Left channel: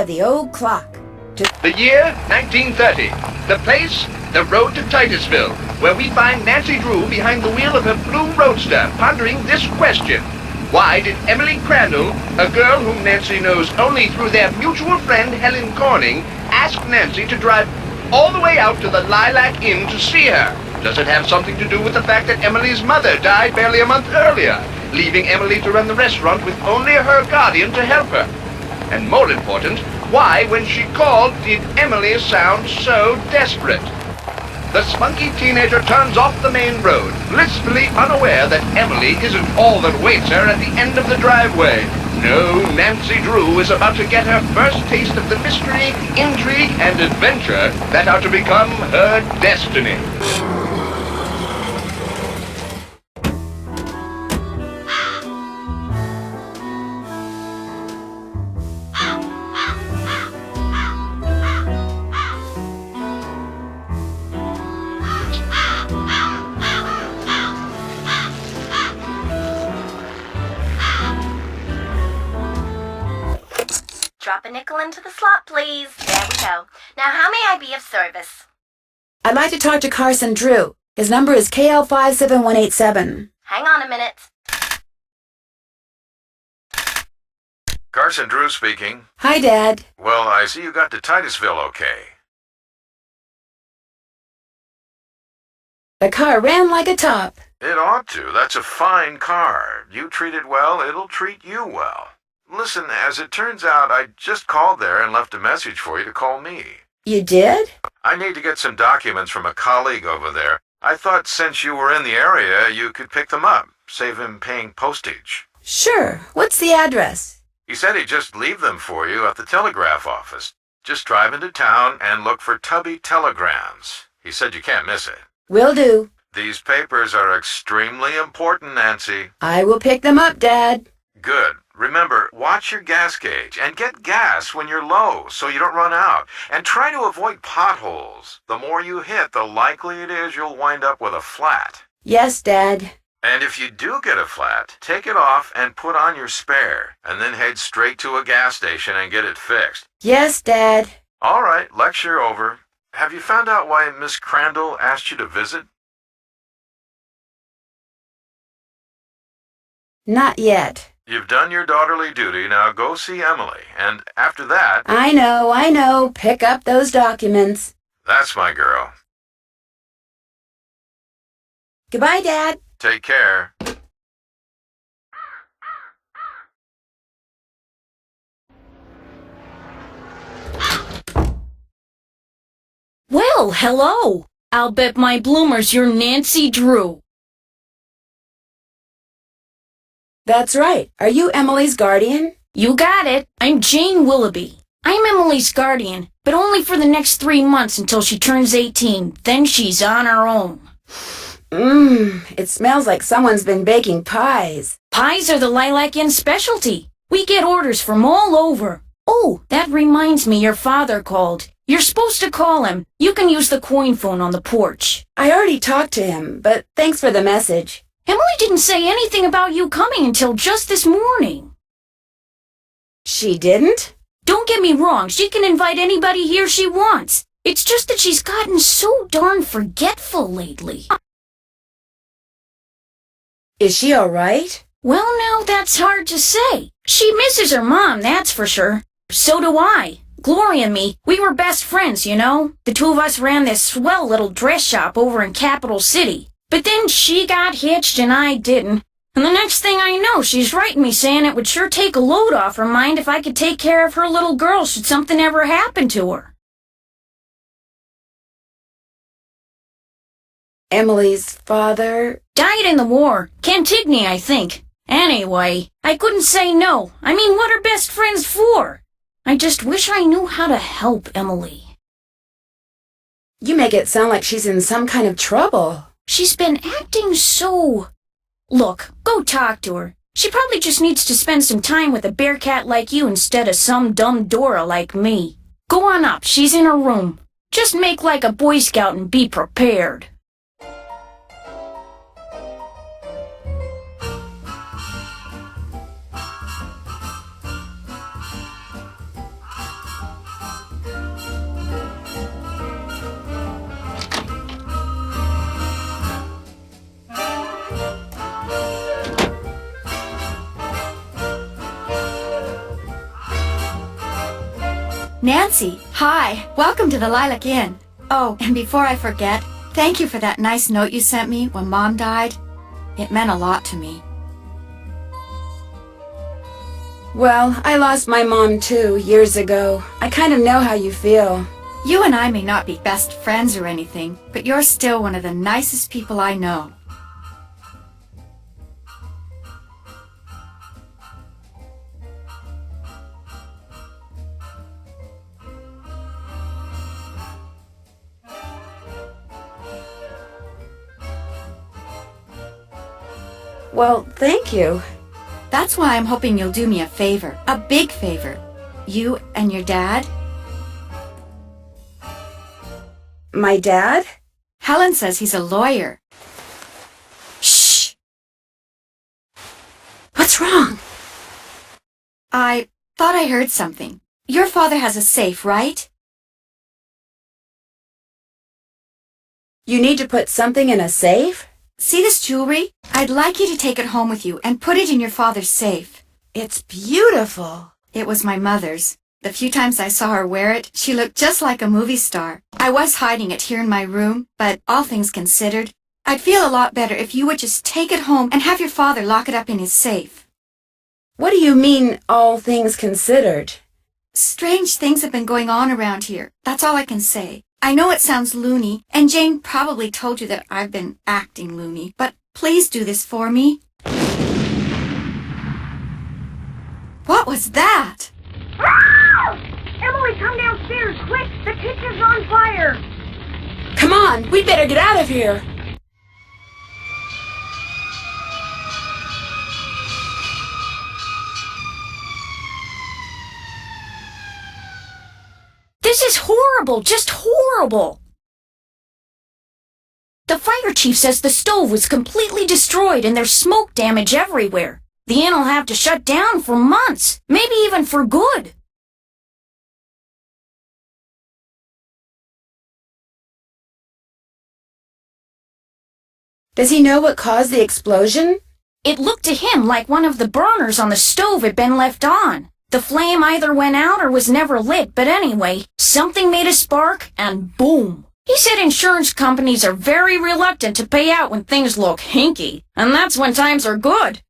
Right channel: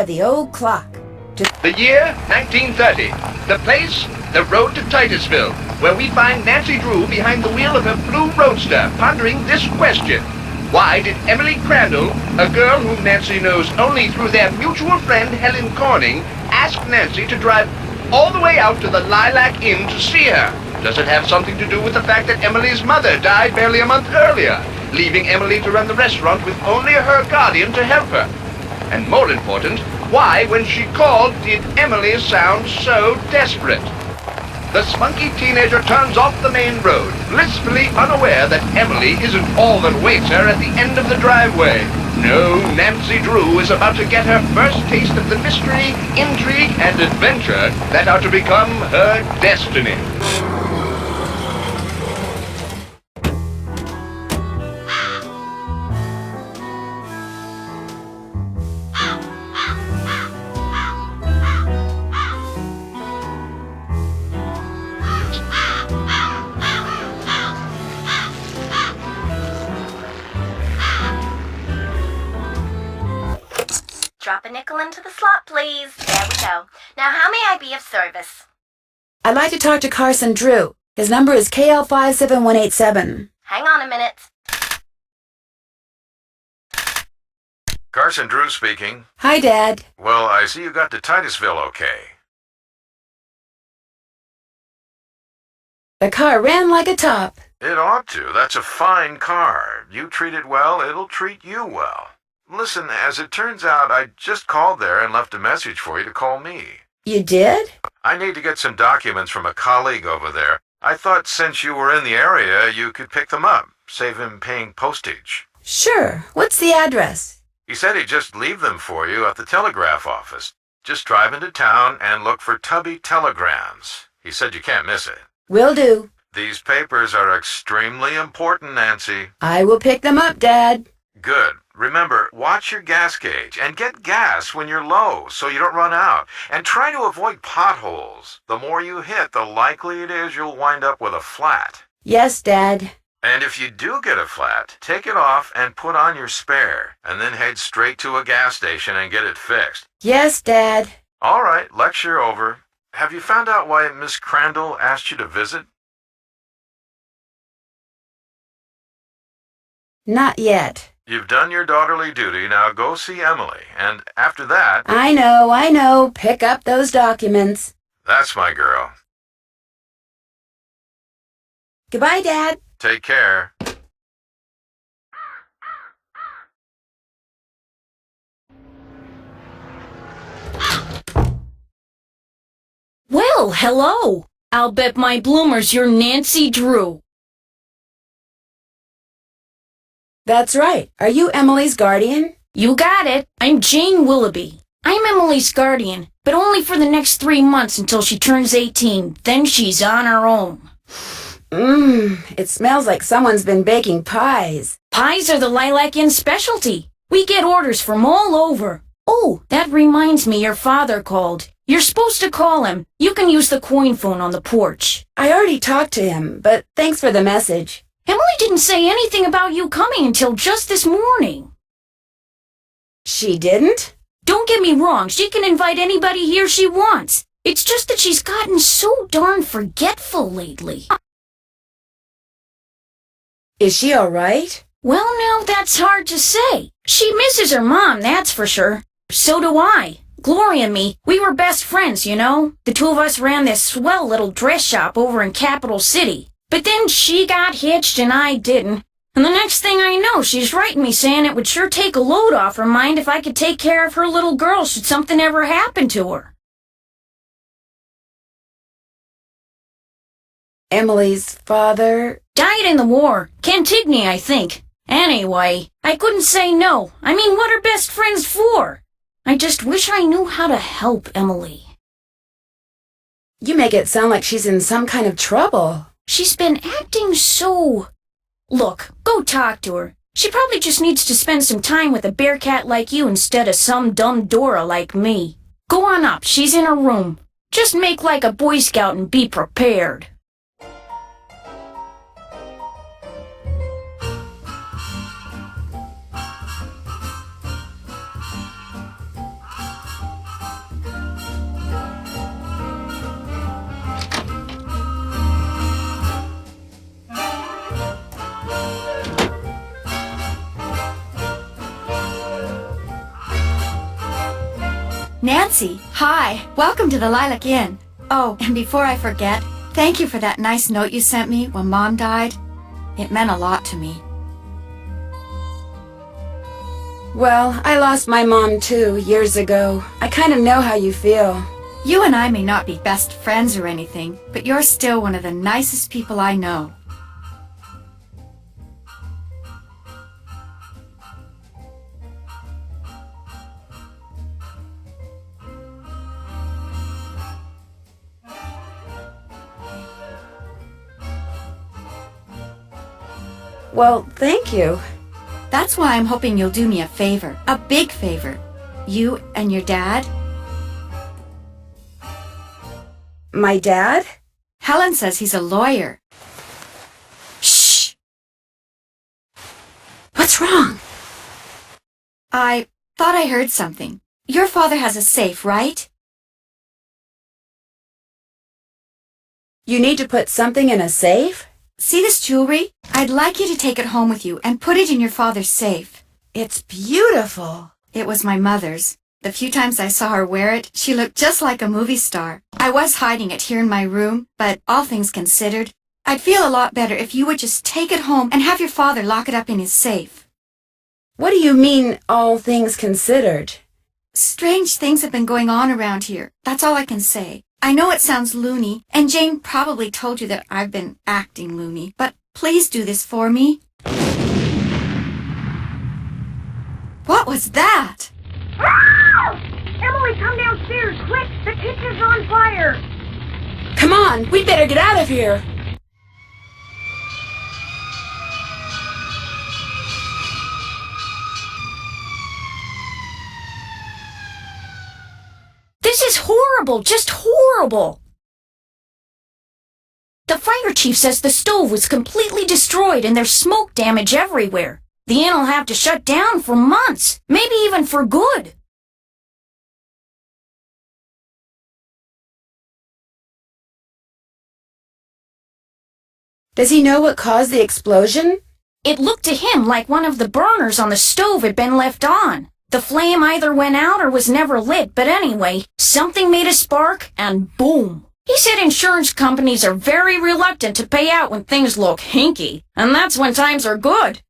of the old clock. The year, 1930. The place, the road to Titusville, where we find Nancy Drew behind the wheel of her blue roadster, pondering this question. Why did Emily Crandall, a girl whom Nancy knows only through their mutual friend Helen Corning, ask Nancy to drive all the way out to the Lilac Inn to see her? Does it have something to do with the fact that Emily's mother died barely a month earlier, leaving Emily to run the restaurant with only her guardian to help her? And more important, why, when she called, did Emily sound so desperate? The spunky teenager turns off the main road, blissfully unaware that Emily isn't all that waits her at the end of the driveway. No, Nancy Drew is about to get her first taste of the mystery, intrigue, and adventure that are to become her destiny. Drop a nickel into the slot, please. There we go. Now, how may I be of service? I'd like to talk to Carson Drew. His number is KL57187. Hang on a minute. Carson Drew speaking. Hi, Dad. Well, I see you got to Titusville okay. The car ran like a top. It ought to. That's a fine car. You treat it well, it'll treat you well. Listen, as it turns out, I just called there and left a message for you to call me. You did? I need to get some documents from a colleague over there. I thought since you were in the area, you could pick them up, save him paying postage. Sure. What's the address? He said he'd just leave them for you at the telegraph office. Just drive into town and look for Tubby Telegrams. He said you can't miss it. Will do. These papers are extremely important, Nancy. I will pick them up, Dad. Good. Remember, watch your gas gauge and get gas when you're low so you don't run out. And try to avoid potholes. The more you hit, the likely it is you'll wind up with a flat. Yes, Dad. And if you do get a flat, take it off and put on your spare, and then head straight to a gas station and get it fixed. Yes, Dad. All right, lecture over. Have you found out why Miss Crandall asked you to visit? Not yet. You've done your daughterly duty, now go see Emily, and after that... I know. Pick up those documents. That's my girl. Goodbye, Dad. Take care. Well, hello. I'll bet my bloomers you're Nancy Drew. That's right. Are you Emily's guardian? You got it. I'm Jane Willoughby. I'm Emily's guardian, but only for the next 3 months until she turns 18. Then she's on her own. It smells like someone's been baking pies. Pies are the Lilac Inn specialty. We get orders from all over. Oh, that reminds me your father called. You're supposed to call him. You can use the coin phone on the porch. I already talked to him, but thanks for the message. Emily didn't say anything about you coming until just this morning. She didn't? Don't get me wrong, she can invite anybody here she wants. It's just that she's gotten so darn forgetful lately. Is she all right? Well, now that's hard to say. She misses her mom, that's for sure. So do I. Gloria and me, we were best friends, you know. The two of us ran this swell little dress shop over in Capital City. But then she got hitched and I didn't. And the next thing I know, she's writing me saying it would sure take a load off her mind if I could take care of her little girl should something ever happen to her. Emily's father? Died in the war. Cantigny, I think. Anyway, I couldn't say no. I mean, what are best friends for? I just wish I knew how to help Emily. You make it sound like she's in some kind of trouble. She's been acting so... Look, go talk to her. She probably just needs to spend some time with a bearcat like you instead of some dumb Dora like me. Go on up, she's in her room. Just make like a Boy Scout and be prepared. Nancy, hi. Welcome to the Lilac Inn. Oh, and before I forget, thank you for that nice note you sent me when Mom died. It meant a lot to me. Well, I lost my mom too, years ago. I kind of know how you feel. You and I may not be best friends or anything, but you're still one of the nicest people I know. Well, thank you. That's why I'm hoping you'll do me a favor. A big favor. You and your dad. My dad? Helen says he's a lawyer. Shh! What's wrong? I thought I heard something. Your father has a safe, right? You need to put something in a safe? See this jewelry? I'd like you to take it home with you and put it in your father's safe. It's beautiful. It was my mother's. The few times I saw her wear it, she looked just like a movie star. I was hiding it here in my room, but all things considered, I'd feel a lot better if you would just take it home and have your father lock it up in his safe. What do you mean, all things considered? Strange things have been going on around here. That's all I can say. I know it sounds loony, and Jane probably told you that I've been acting loony, but please do this for me. What was that? Emily, come downstairs, quick! The kitchen's on fire! Come on, we better get out of here. This is horrible, just horrible. The fire chief says the stove was completely destroyed and there's smoke damage everywhere. The inn will have to shut down for months, maybe even for good. Does he know what caused the explosion? It looked to him like one of the burners on the stove had been left on. The flame either went out or was never lit, but anyway, something made a spark and boom. He said insurance companies are very reluctant to pay out when things look hinky, and that's when times are good.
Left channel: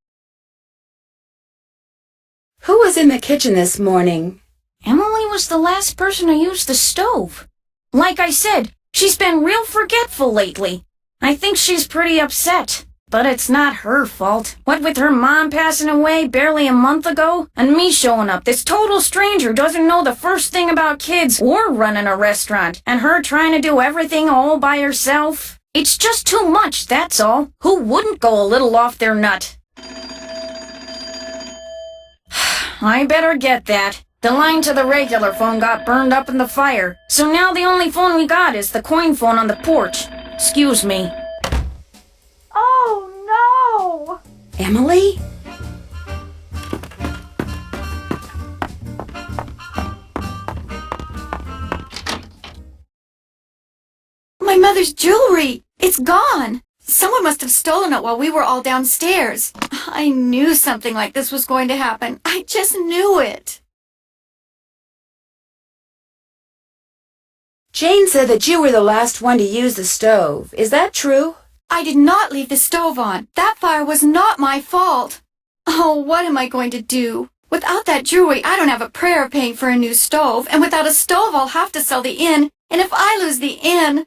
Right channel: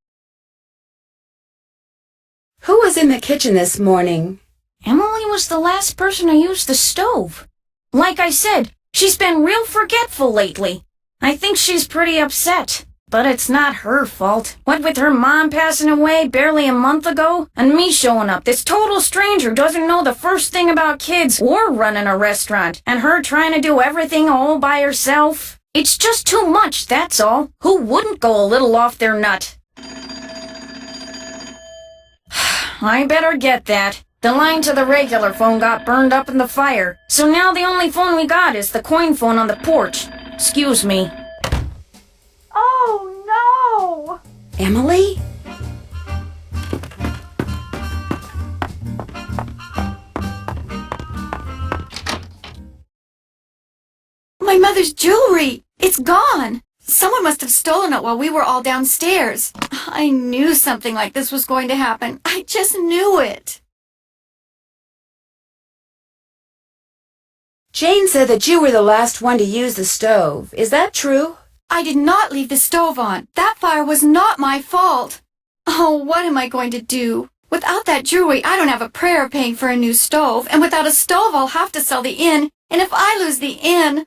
Who was in the kitchen this morning? Emily was the last person to use the stove. Like I said, she's been real forgetful lately. I think she's pretty upset. But it's not her fault. What with her mom passing away barely a month ago, and me showing up, this total stranger doesn't know the first thing about kids or running a restaurant, and her trying to do everything all by herself. It's just too much, that's all. Who wouldn't go a little off their nut? I better get that. The line to the regular phone got burned up in the fire, so now the only phone we got is the coin phone on the porch. Excuse me. Oh, no! Emily? My mother's jewelry! It's gone! Someone must have stolen it while we were all downstairs. I knew something like this was going to happen. I just knew it. Jane said that you were the last one to use the stove. Is that true? I did not leave the stove on. That fire was not my fault. Oh, what am I going to do? Without that jewelry, I don't have a prayer of paying for a new stove, and without a stove, I'll have to sell the inn, and if I lose the inn...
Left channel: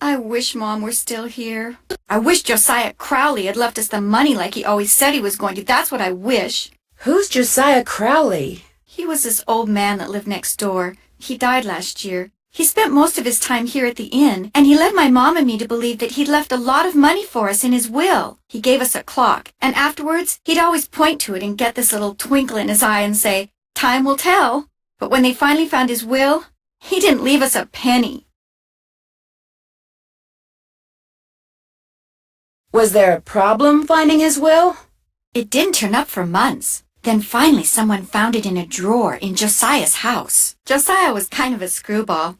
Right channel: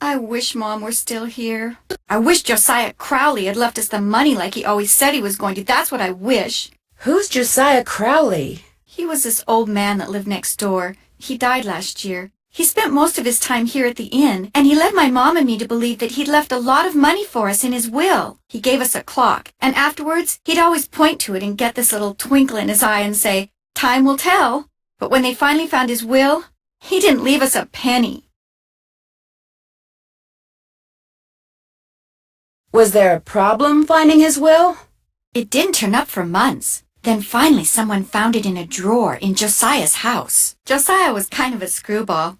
I wish Mom were still here. I wish Josiah Crowley had left us the money like he always said he was going to. That's what I wish. Who's Josiah Crowley? He was this old man that lived next door. He died last year. He spent most of his time here at the inn, and he led my mom and me to believe that he'd left a lot of money for us in his will. He gave us a clock, and afterwards, he'd always point to it and get this little twinkle in his eye and say, "Time will tell." But when they finally found his will, he didn't leave us a penny. Was there a problem finding his will? It didn't turn up for months. Then finally someone found it in a drawer in Josiah's house. Josiah was kind of a screwball.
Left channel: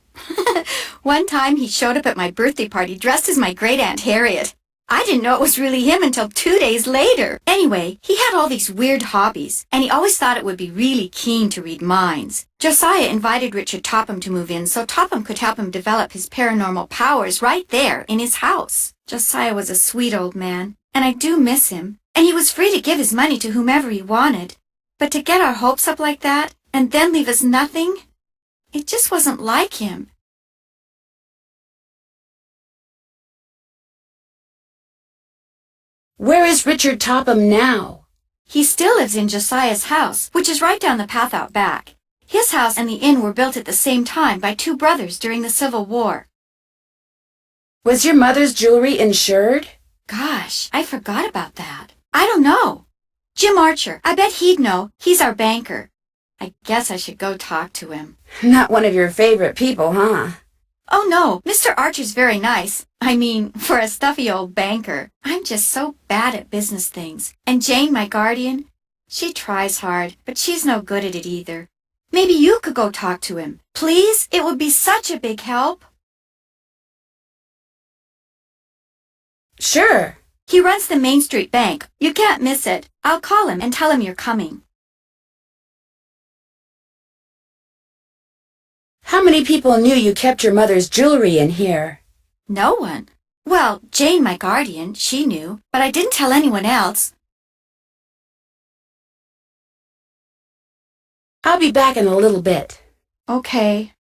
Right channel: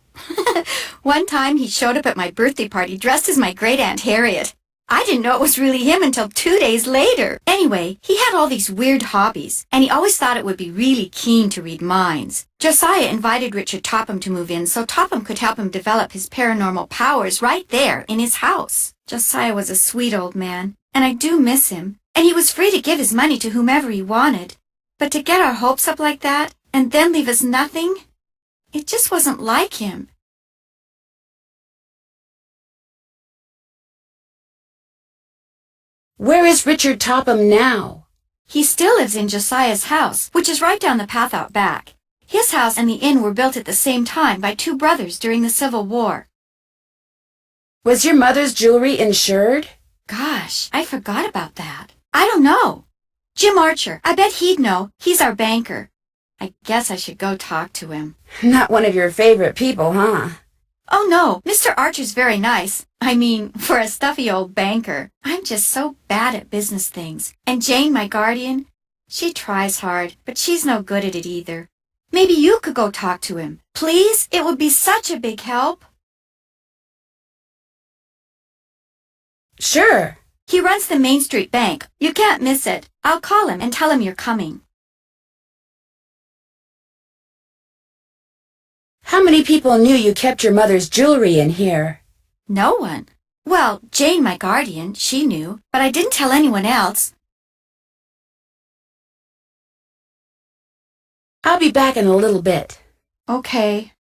One time he showed up at my birthday party dressed as my great-aunt Harriet. I didn't know it was really him until 2 days later. Anyway, he had all these weird hobbies, and he always thought it would be really keen to read minds. Josiah invited Richard Topham to move in so Topham could help him develop his paranormal powers right there in his house. Josiah was a sweet old man, and I do miss him. And he was free to give his money to whomever he wanted. But to get our hopes up like that, and then leave us nothing, it just wasn't like him. Where is Richard Topham now? He still lives in Josiah's house, which is right down the path out back. His house and the inn were built at the same time by two brothers during the Civil War. Was your mother's jewelry insured? Gosh, I forgot about that. I don't know. Jim Archer, I bet he'd know. He's our banker. I guess I should go talk to him. Not one of your favorite people, huh? Oh no, Mr. Archer's very nice. I mean, for a stuffy old banker. I'm just so bad at business things. And Jane, my guardian, she tries hard, but she's no good at it either. Maybe you could go talk to him. Please? It would be such a big help. Sure. He runs the Main Street Bank. You can't miss it. I'll call him and tell him you're coming. How many people knew you kept your mother's jewelry in here? No one. Well, Jane, my guardian, she knew, but I didn't tell anyone else. I'll be back in a little bit. Okay.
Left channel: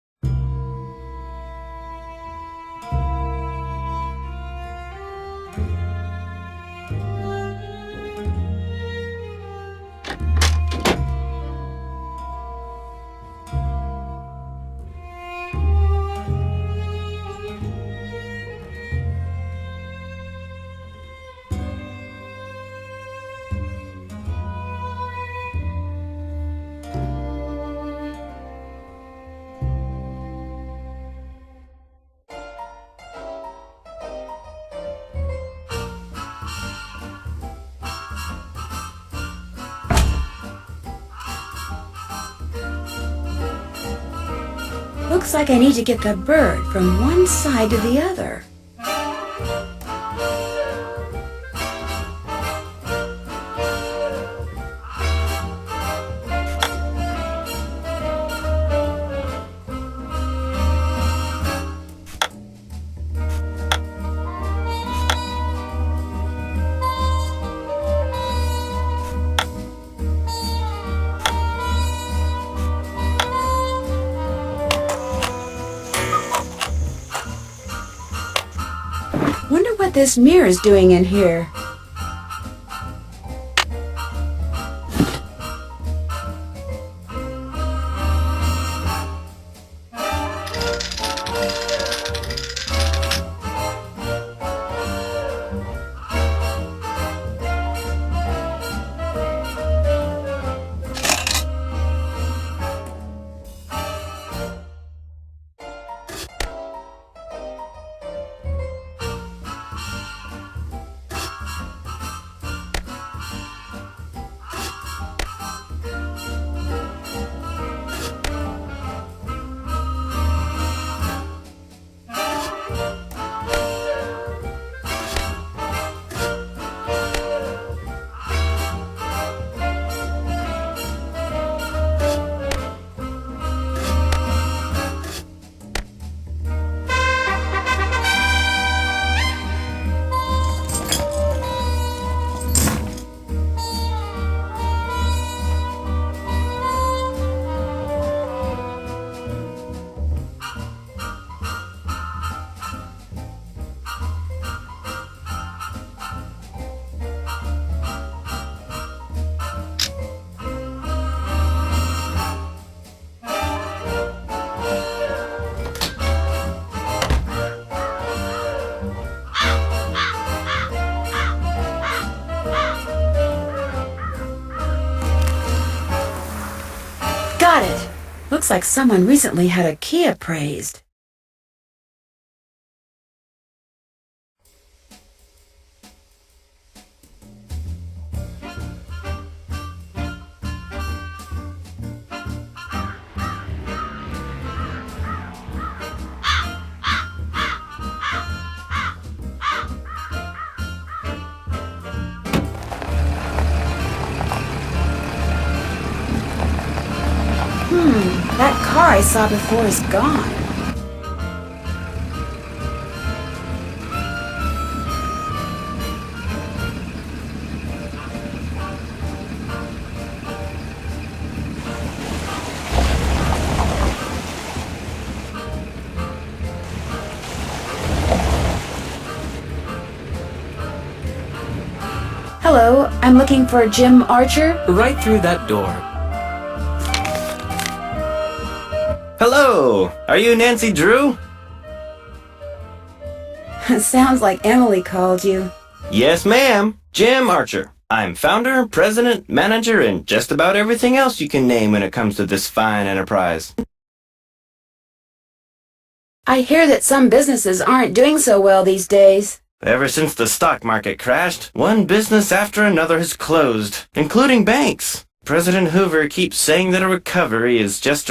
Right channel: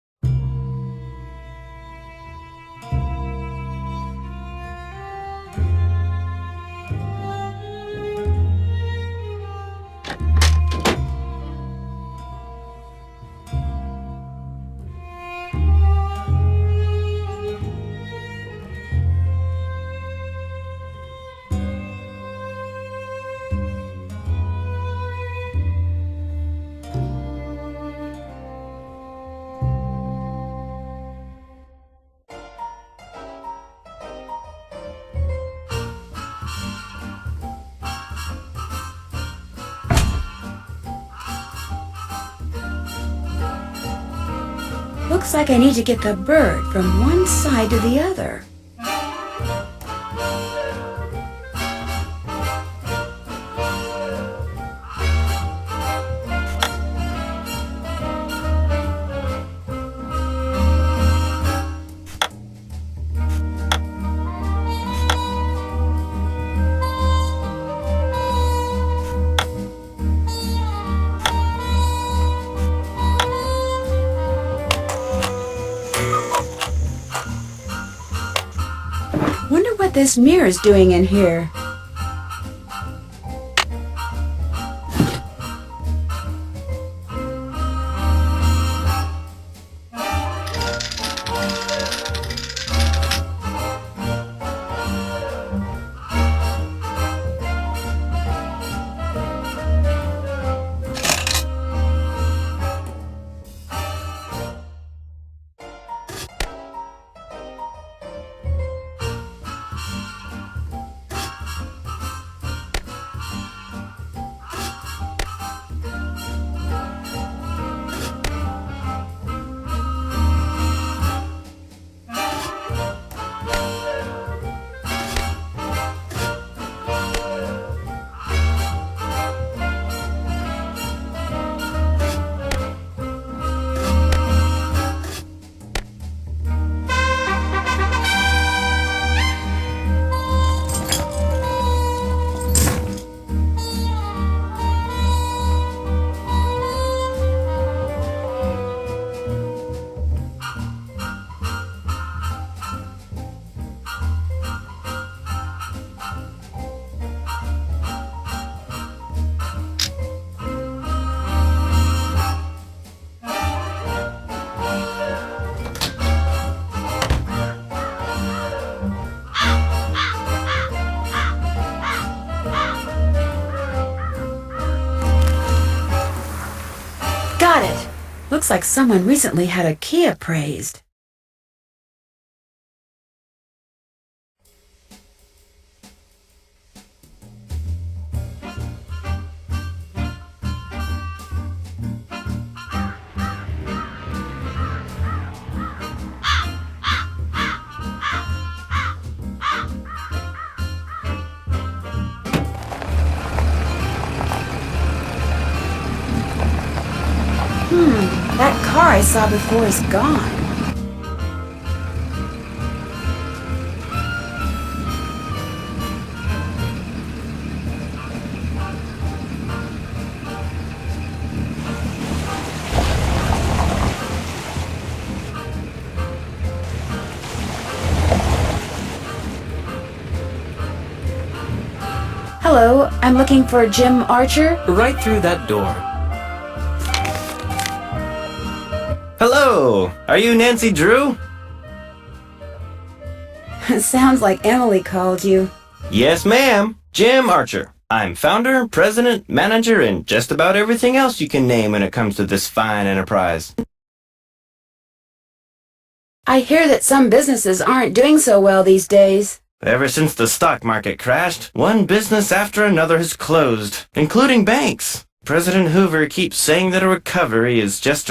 Looks like I need to get the bird from one side to the other. Wonder what this mirror's doing in here. Got it. Looks like someone recently had a key appraised. That car I saw before is gone. Hello, I'm looking for Jim Archer. Right through that door. Hello! Are you Nancy Drew? Sounds like Emily called you. Yes, ma'am. Jim Archer. I'm founder, president, manager, and just about everything else you can name when it comes to this fine enterprise. I hear that some businesses aren't doing so well these days. Ever since the stock market crashed, one business after another has closed, including banks. President Hoover keeps saying that a recovery is just around